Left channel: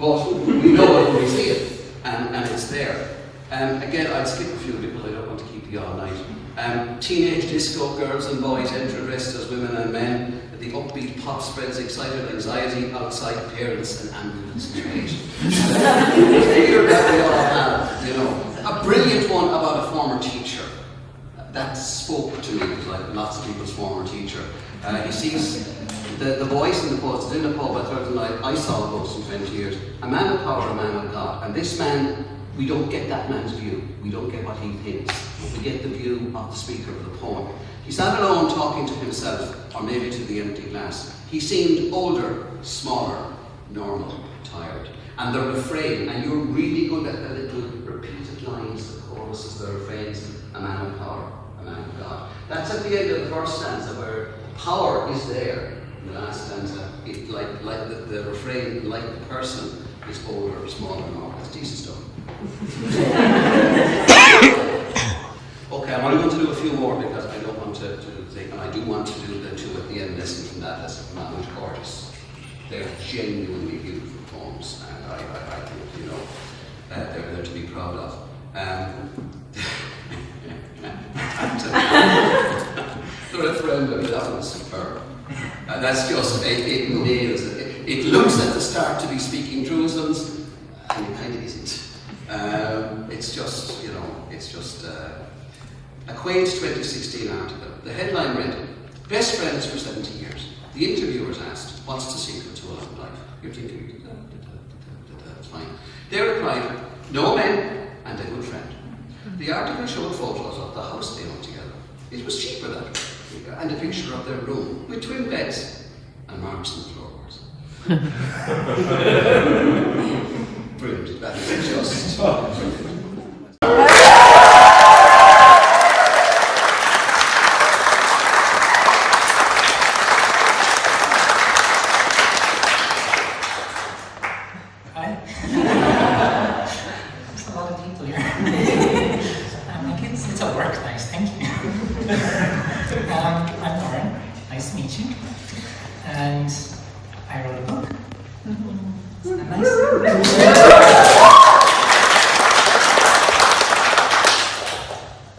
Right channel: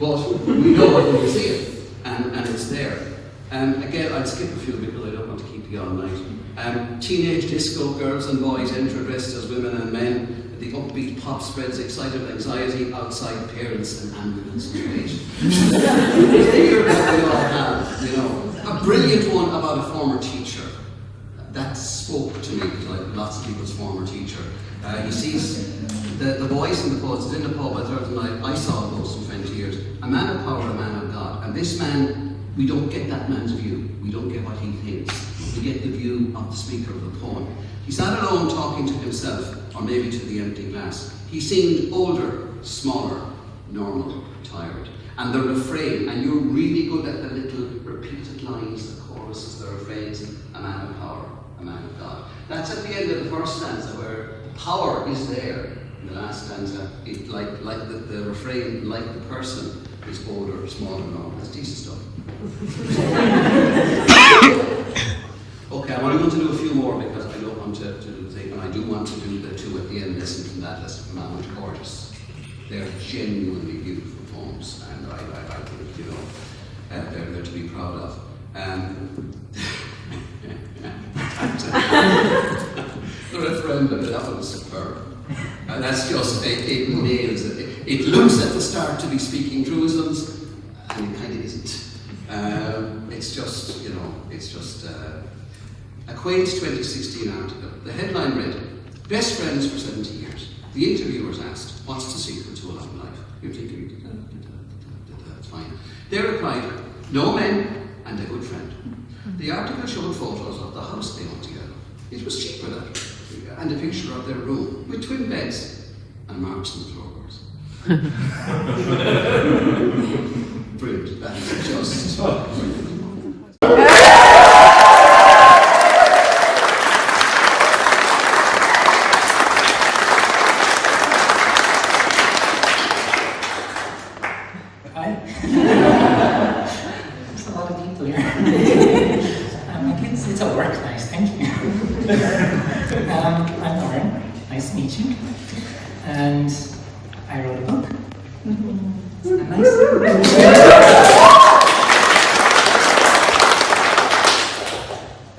but we know it when we see it, and it's there. Again, I'll skip a few because I don't want to keep you all night. Teenage disco girls and boys enter dressed as women and men. The upbeat pop spreads excited anxiety outside parents and ambulances wait. Fear that we all have, you know. A brilliant one about a former teacher. That spoke to me, because like lots of people's former teacher. He sees the voice in the post in a pub at Thursday night. I saw a ghost in 20 years. A man of power, a man of God. And this man, we don't get that man's view. We don't get what he thinks. We get the view of the speaker of the poem. He's not alone talking to himself, or maybe to the empty glass. He seemed older, smaller, normal, tired. And the refrain, and you're really good at the little repeated lines, the choruses, the refrains, a man of power, a man of God. That's at the end of the first stanza where power is there. In the last stanza, it, like the refrain, like the person, is older, smaller, normal. It's decent stuff. Okay, I'm only going to do a few more because I don't want to do the thing, and I do want to do the two at the end, lesson from that, lesson from that, which artists. They're genuinely beautiful poems, and I think, you know, they're to be proud of. The referendum, that was superb. And that's just, it nails it. It looks at the start to be speaking truisms, and it kind of isn't. It's just, you know, it's just a quaint 2016 article. The headline read, "Best friends for 70 years. The interviewers asked, what's the secret to a long life?" You're thinking, that's fine. They replied, "No men and a good friend." The article showed photos of the house they owned together. It was cheaper that way, and a picture of their room with twin beds and marks on the floorboards. Brilliant. That is just brilliant. There's a lot of people here. It's a work night, thank you. I'm Lauren, nice to meet you. And I wrote a book. Nice.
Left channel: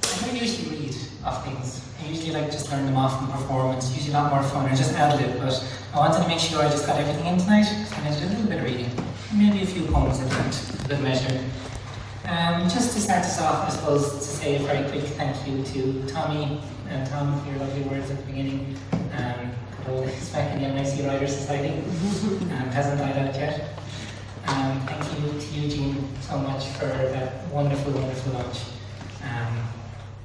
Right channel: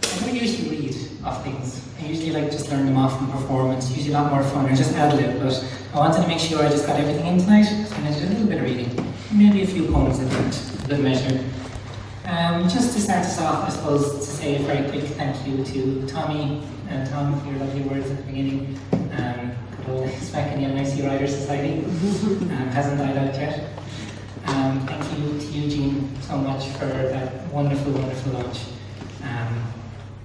I don't usually read off things. I usually like just learn them off in performance. It's usually a lot more fun, or just ad-lib, but I wanted to make sure I just got everything in tonight, so I did a little bit of reading. Maybe a few poems at that, a good measure. Just to start us off, I suppose, to say a very quick thank you to Tommy and Tom for your lovely words at the beginning. Good old back in the NIC Writer Society. Hasn't died out yet. Thank you to Eugene so much for that wonderful, wonderful launch.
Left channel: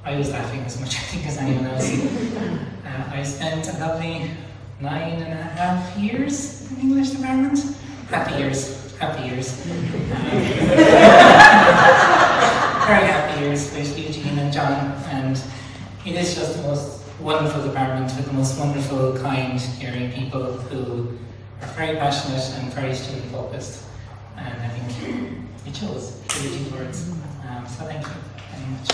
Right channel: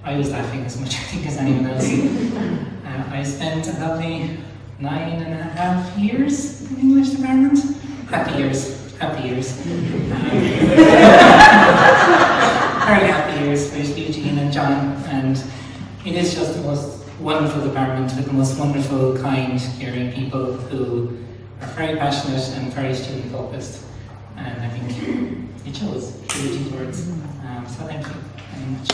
I was laughing as much, I think, as anyone else. I spent a lovely 9.5 years in the English department. Happy years. Very happy years with Eugene and John, and it is just the most wonderful department with the most wonderful, kind, caring people who are very passionate and very student focused, and I think it shows through Eugene's words. So thank you very much.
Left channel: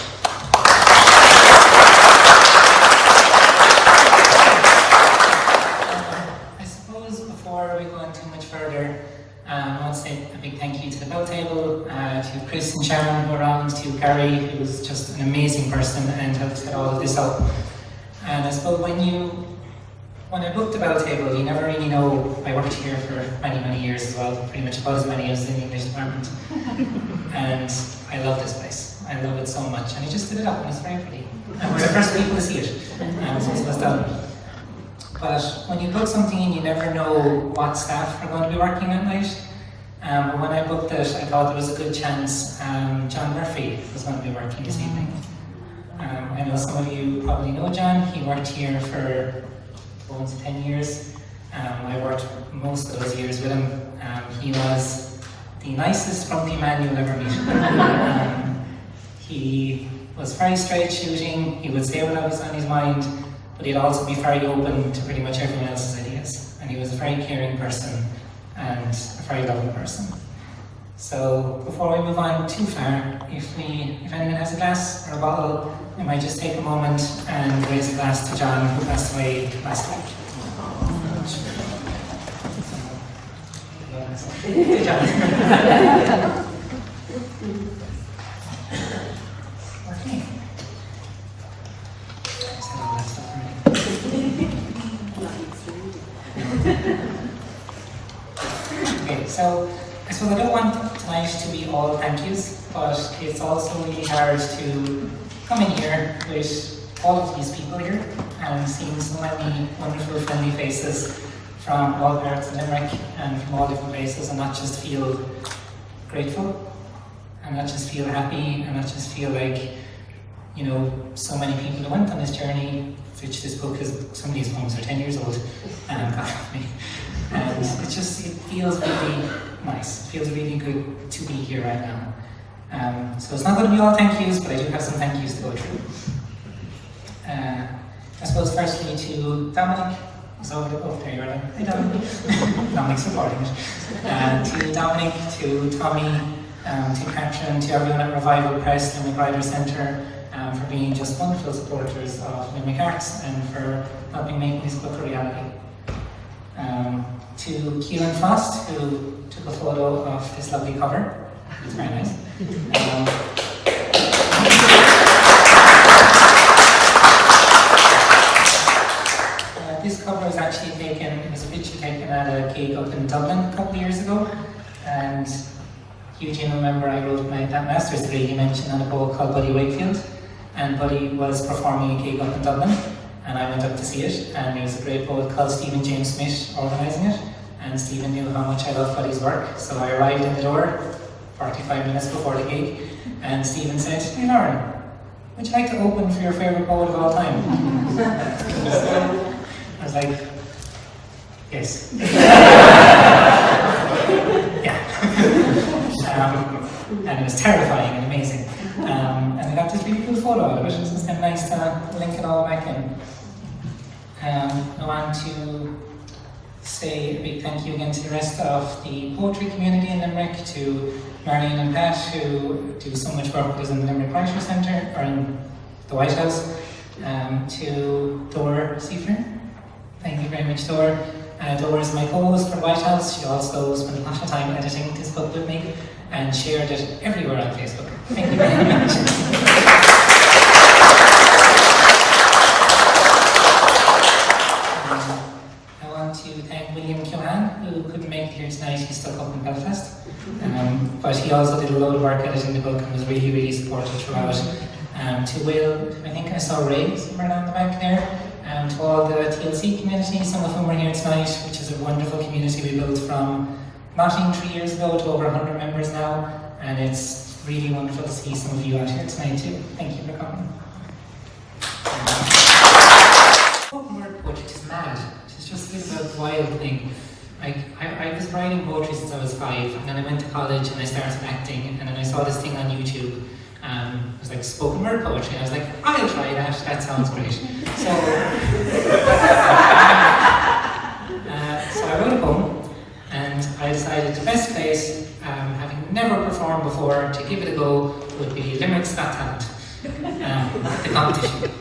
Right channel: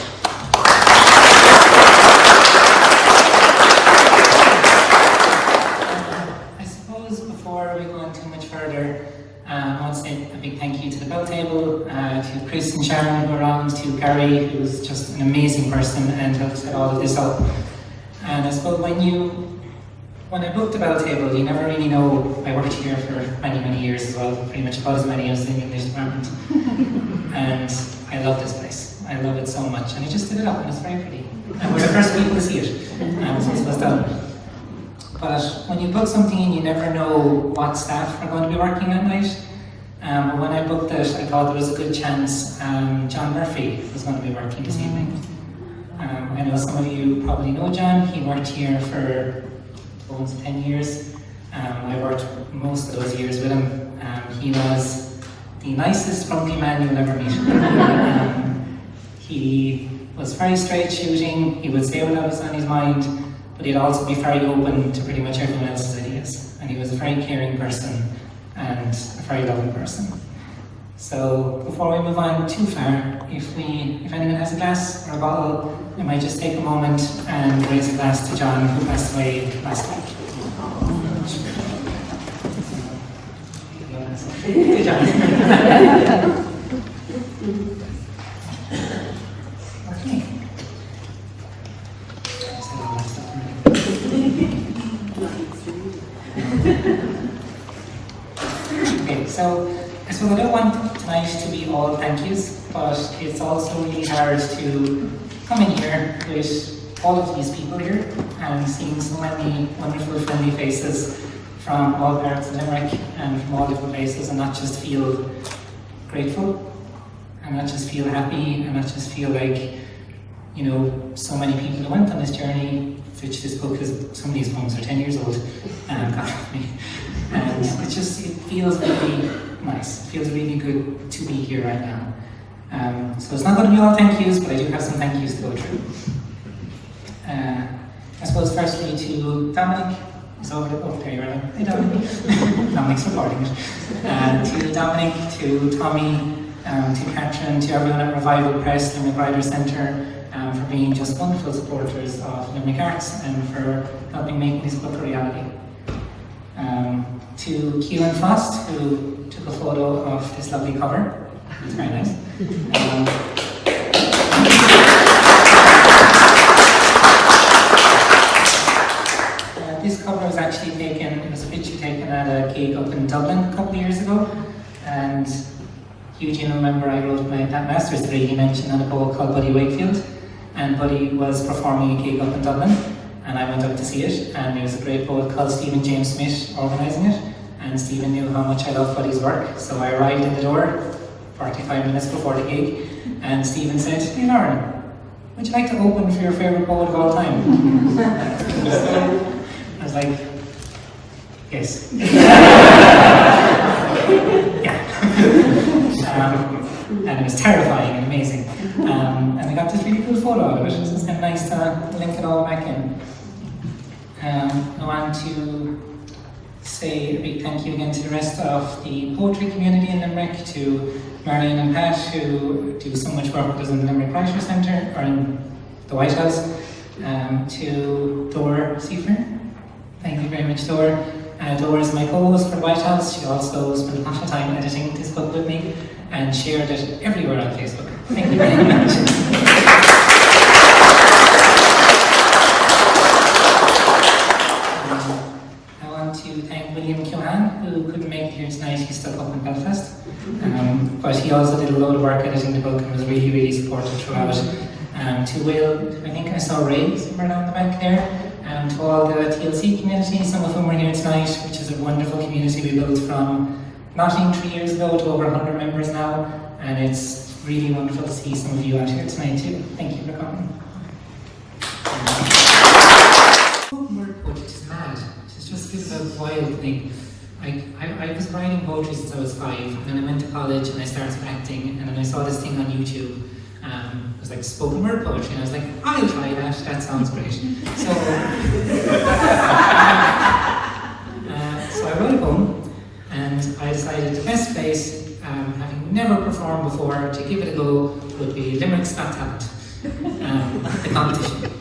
I suppose before we go on too much further, I want to say a big thank you to the Belltable, to Chris and Sharon who were around, to Gary, who was just an amazing person and helped set all of this up. And I suppose when I booked the Belltable, you never really know. I worked here for many, many years as well, pretty much about as many as in the English department. And I love this place. I love it so much. And he just did it up, and it's very pretty. And we're the first people to see it. And so it was done. But when you book something in, you never know what staff are going to be working that night. When I booked it, I thought there was a good chance John Murphy was going to be working this evening. I know some of you probably know John. He worked here for almost 10 years. I worked most of those years with him. He was the nicest, grumpy man you'll ever meet. He was very straight shooting. He would say what was on his mind, but he'd also be very open to pretty much everyone else's ideas. And he was a very caring person and a very loving person. So before we move on too far, if anyone has a glass or a bottle, I might just take a moment and raise a glass to John, who passed away last week. Good job. Okay, so I suppose I don't want tonight to be all thank yous, but it's also really hard to come in here with all of these people here and seeing so many wonderful friendly faces from all parts of Limerick and from all different places, and not just feel grateful, and not just feel happy, and not just feel like, you know, so many people who went on this journey, which this book is, some of these poems are 10 years old, and it feels really nice. It feels really good to be here right now. So it's not going to be all thank yous, but I do have some thank yous to go through. I suppose firstly to Dominic, is over there, right? Hey Dominic. Dominic's supporting it. To Dominic, to Tommy, to Katrin, to everyone at Revival Press, Limerick Arts Centre, for being just wonderful supporters of Limerick Arts and for helping make this book a reality. To Keelan Frost, who took a photo of this lovely cover. It's very nice. This cover was actually taken, it was a picture taken at a gig up in Dublin a couple of years ago, and Eugene, remember I wrote that master's degree he mentioned in a poet called Buddy Wakefield, and Buddy was performing a gig up in Dublin, and I went up to see it, and there was a great poet called Stephen James Smith organising it, and Stephen knew how much I loved Buddy's work, so I arrived in the door 45 minutes before the gig, and Stephen said, "Hey Lauren, would you like to open for your favourite poet of all time?" I was like, yes. And it was terrifying and amazing. And I got this really cool photo of it, which is kind of nice to link it all back in. I want to say a big thank you again to the rest of the poetry community in Limerick, to Marion and Pat, who do so much work with us in the Limerick Arts Centre, or in the White House, to Dora Seifert. Thank you very much, Dora. Dora is my co-host for the White House. She also spent a lot of time editing this book with me and shared it everywhere on Facebook. Thank you very much. I want to thank William Cuman, who couldn't make it here tonight. He's stuck up in Belfast. But he also did a load of work editing the book and was really, really supportive throughout. To Will, I think I saw Ray somewhere down the back there. To all the TLC community, some of whom are here tonight, which is a wonderful community we built from nothing 3 years ago to over 100 members now, and it's really wonderful to see some of you out here tonight too. Thank you for coming. Spoken word poetry is mad. It's just a bit of a wild thing. I was writing poetry since I was 5, and then I went to college and I started acting, and then I saw this thing on YouTube. It was like spoken word poetry, and I was like, I'll try that sounds great. So, so I wrote a poem, and I decided the best place, having never performed before, to give it a go would be Limerick's Got Talent, the competition.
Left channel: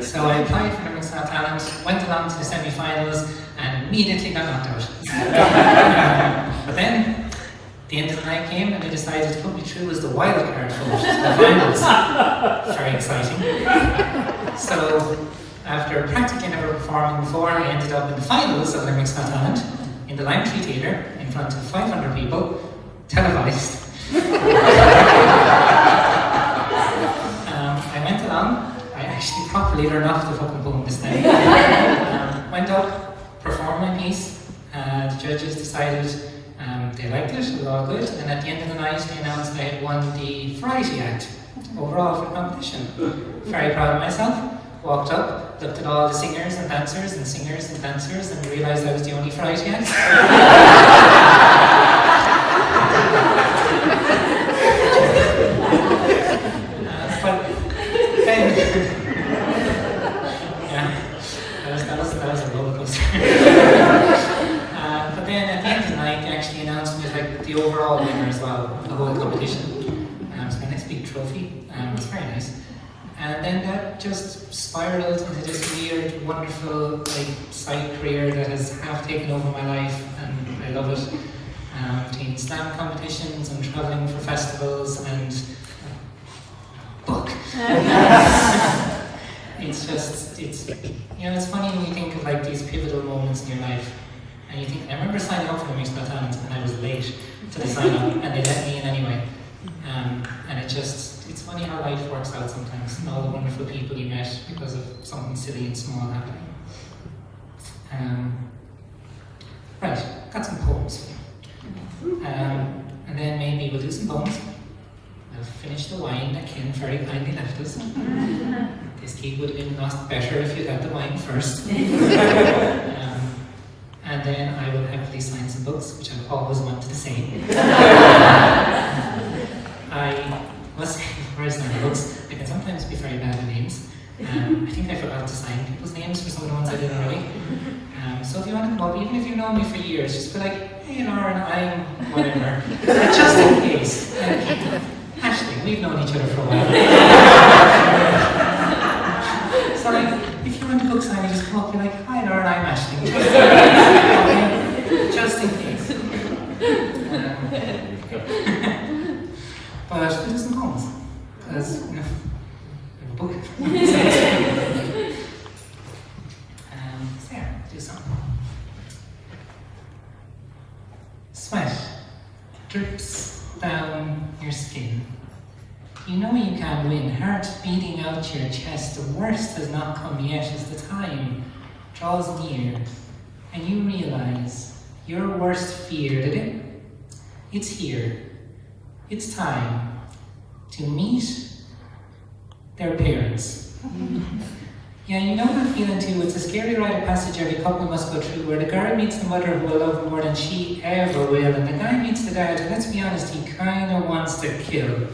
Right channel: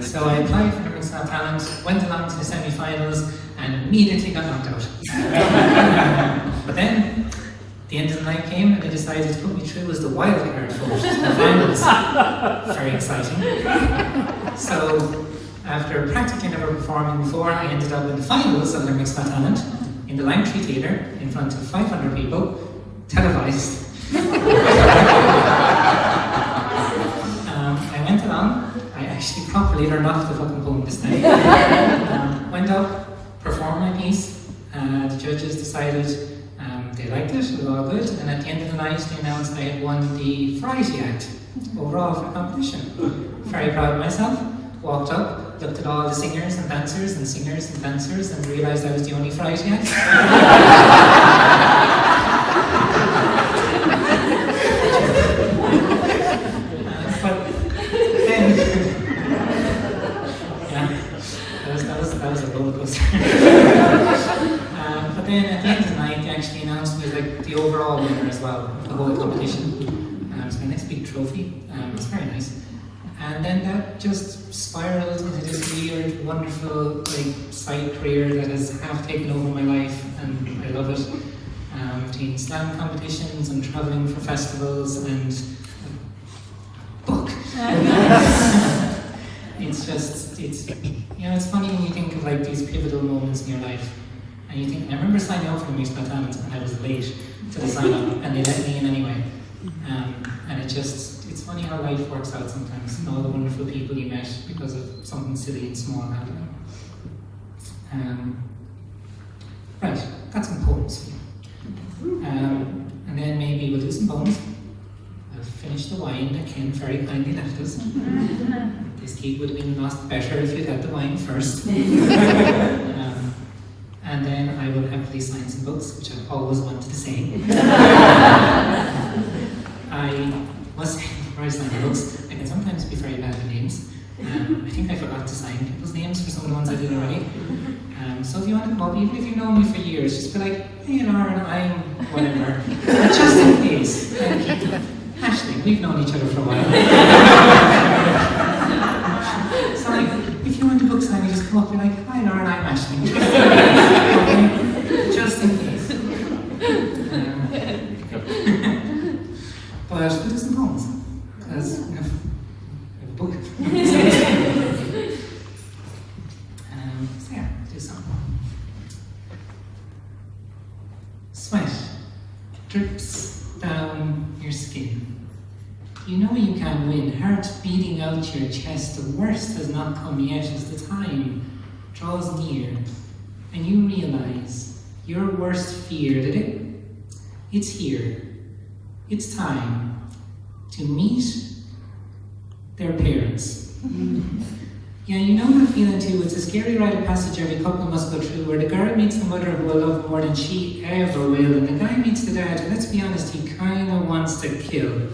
So I applied for Limerick's Got Talent, went along to the semi-finals, and immediately got knocked out. But then, the end of the night came and they decided to put me through as the wild card for the finals. Very exciting. So, after practically never performing before, I ended up in the finals of Limerick's Got Talent in the Limetree Theatre in front of 500 people, televised. I went along, I actually properly learned off the fucking poem this night. Went up, performed my piece, the judges decided they liked it, it was all good, and at the end of the night they announced I had won the variety act overall for the competition. Very proud of myself, walked up, looked at all the singers and dancers and realised I was the only variety act. But then, yeah, that was a roller coaster. But then at the end of the night, they actually announced me as like the overall winner as well of the whole competition. So my next big trophy. It was very nice. And then that just spiraled into this weird, wonderful like side career that has half taken over my life, and I love it. between slam competitions and travelling for festivals and book. It's funny when you think of like these pivotal moments in your life, and you think, I remember signing up for the Musical Talent and I was late to the sign up, and they let me in anyway. And it's funny how life works out sometimes, and all the wonderful people you met because of something silly and small happening. Right, got some poems. And then maybe we'll do some poems. I'll finish the wine that Ken very kindly left us. This cake would have been a lot better if you'd had the wine first. And then I will happily sign some books, which I've always wanted to say. I must say, before I sign the books, I can sometimes be very bad at names. I think I forgot to sign people's names for some of the ones I did already. So if you want to come up, even if you've known me for years, just be like, hey Lauren, I'm whatever. But just in case, like, Ashley, we've known each other for a while. So like, if you want to book signing, just come up and be like, hi Lauren, I'm Ashley. Okay? Just in case. But we'll do some poems, because, we have a book. So yeah, do some. Sweat drips down your skin. You know you can't win, heart beating out your chest. The worst has not come yet as the time draws near, and you realize your worst fear, did it? It's here. It's time to meet their parents. Yeah, you know that feeling too. It's a scary rite of passage every couple must go through, where the girl meets the mother who will love her more than she ever will, and the guy meets the dad, and let's be honest, he kinda wants to kill.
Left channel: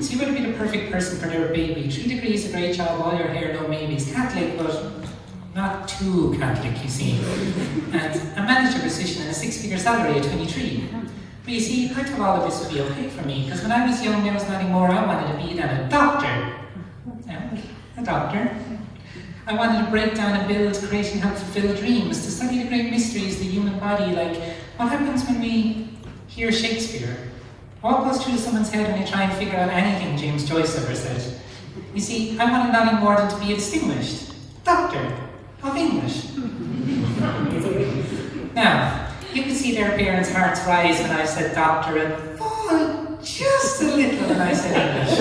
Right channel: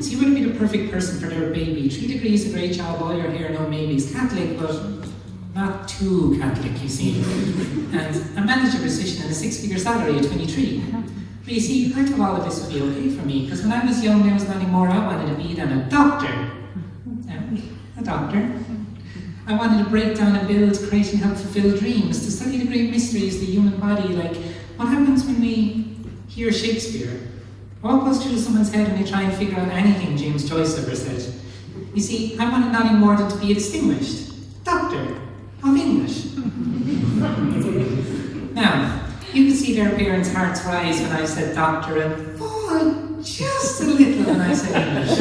So you better be the perfect person for their baby. 3 degrees, a great job, all your hair, no maybes. Catholic, but not too Catholic, you see. And a manager position and a 6-figure salary at 23. But you see, I thought all of this would be okay for me, because when I was young, there was nothing more I wanted to be than a doctor. Yeah, a doctor. I wanted to break down and build, create and help fulfill dreams, to study the great mysteries of the human body, like what happens when we hear Shakespeare? What goes through someone's head when they try and figure out anything James Joyce ever said? You see, I wanted nothing more than to be a distinguished doctor of English. Now, you can see their parents' hearts rise when I said doctor and fall just a little when I said English.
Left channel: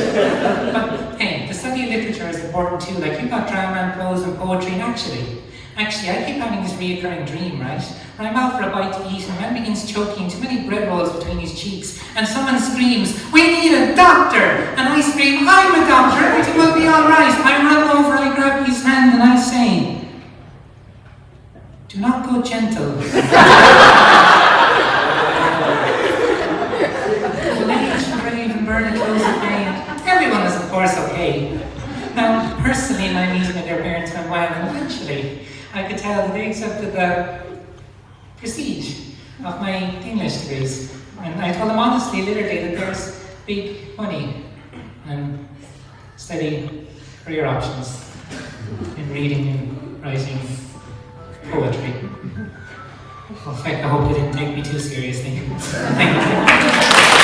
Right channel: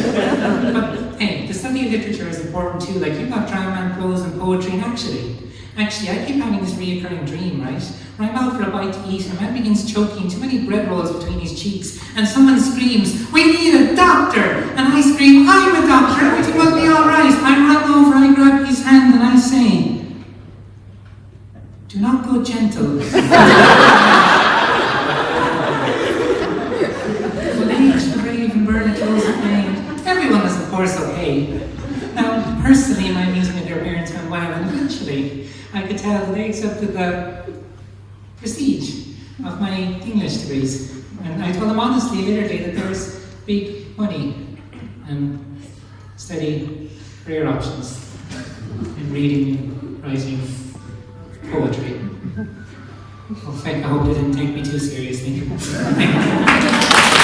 But hey, the study of literature is important too. Like, you've got drama and prose and poetry, and actually, I keep having this reoccurring dream, right? Where I'm out for a bite to eat and man begins choking, too many bread rolls between his cheeks, and someone screams, "We need a doctor!" And I scream, "I'm a doctor, everything will be alright." I run over, I grab his hand, and I say, "Do not go gentle." Old age, the brave and burn the clothes of pain. Everyone is, of course, okay. Now, personally, my meeting with their parents went well, and eventually, I could tell that they accepted the prestige of my English degrees. And I told them honestly, literally, that there's big money and steady career options in reading, writing, poetry. Well, in fact, I hope they didn't take me too seriously. Thank you.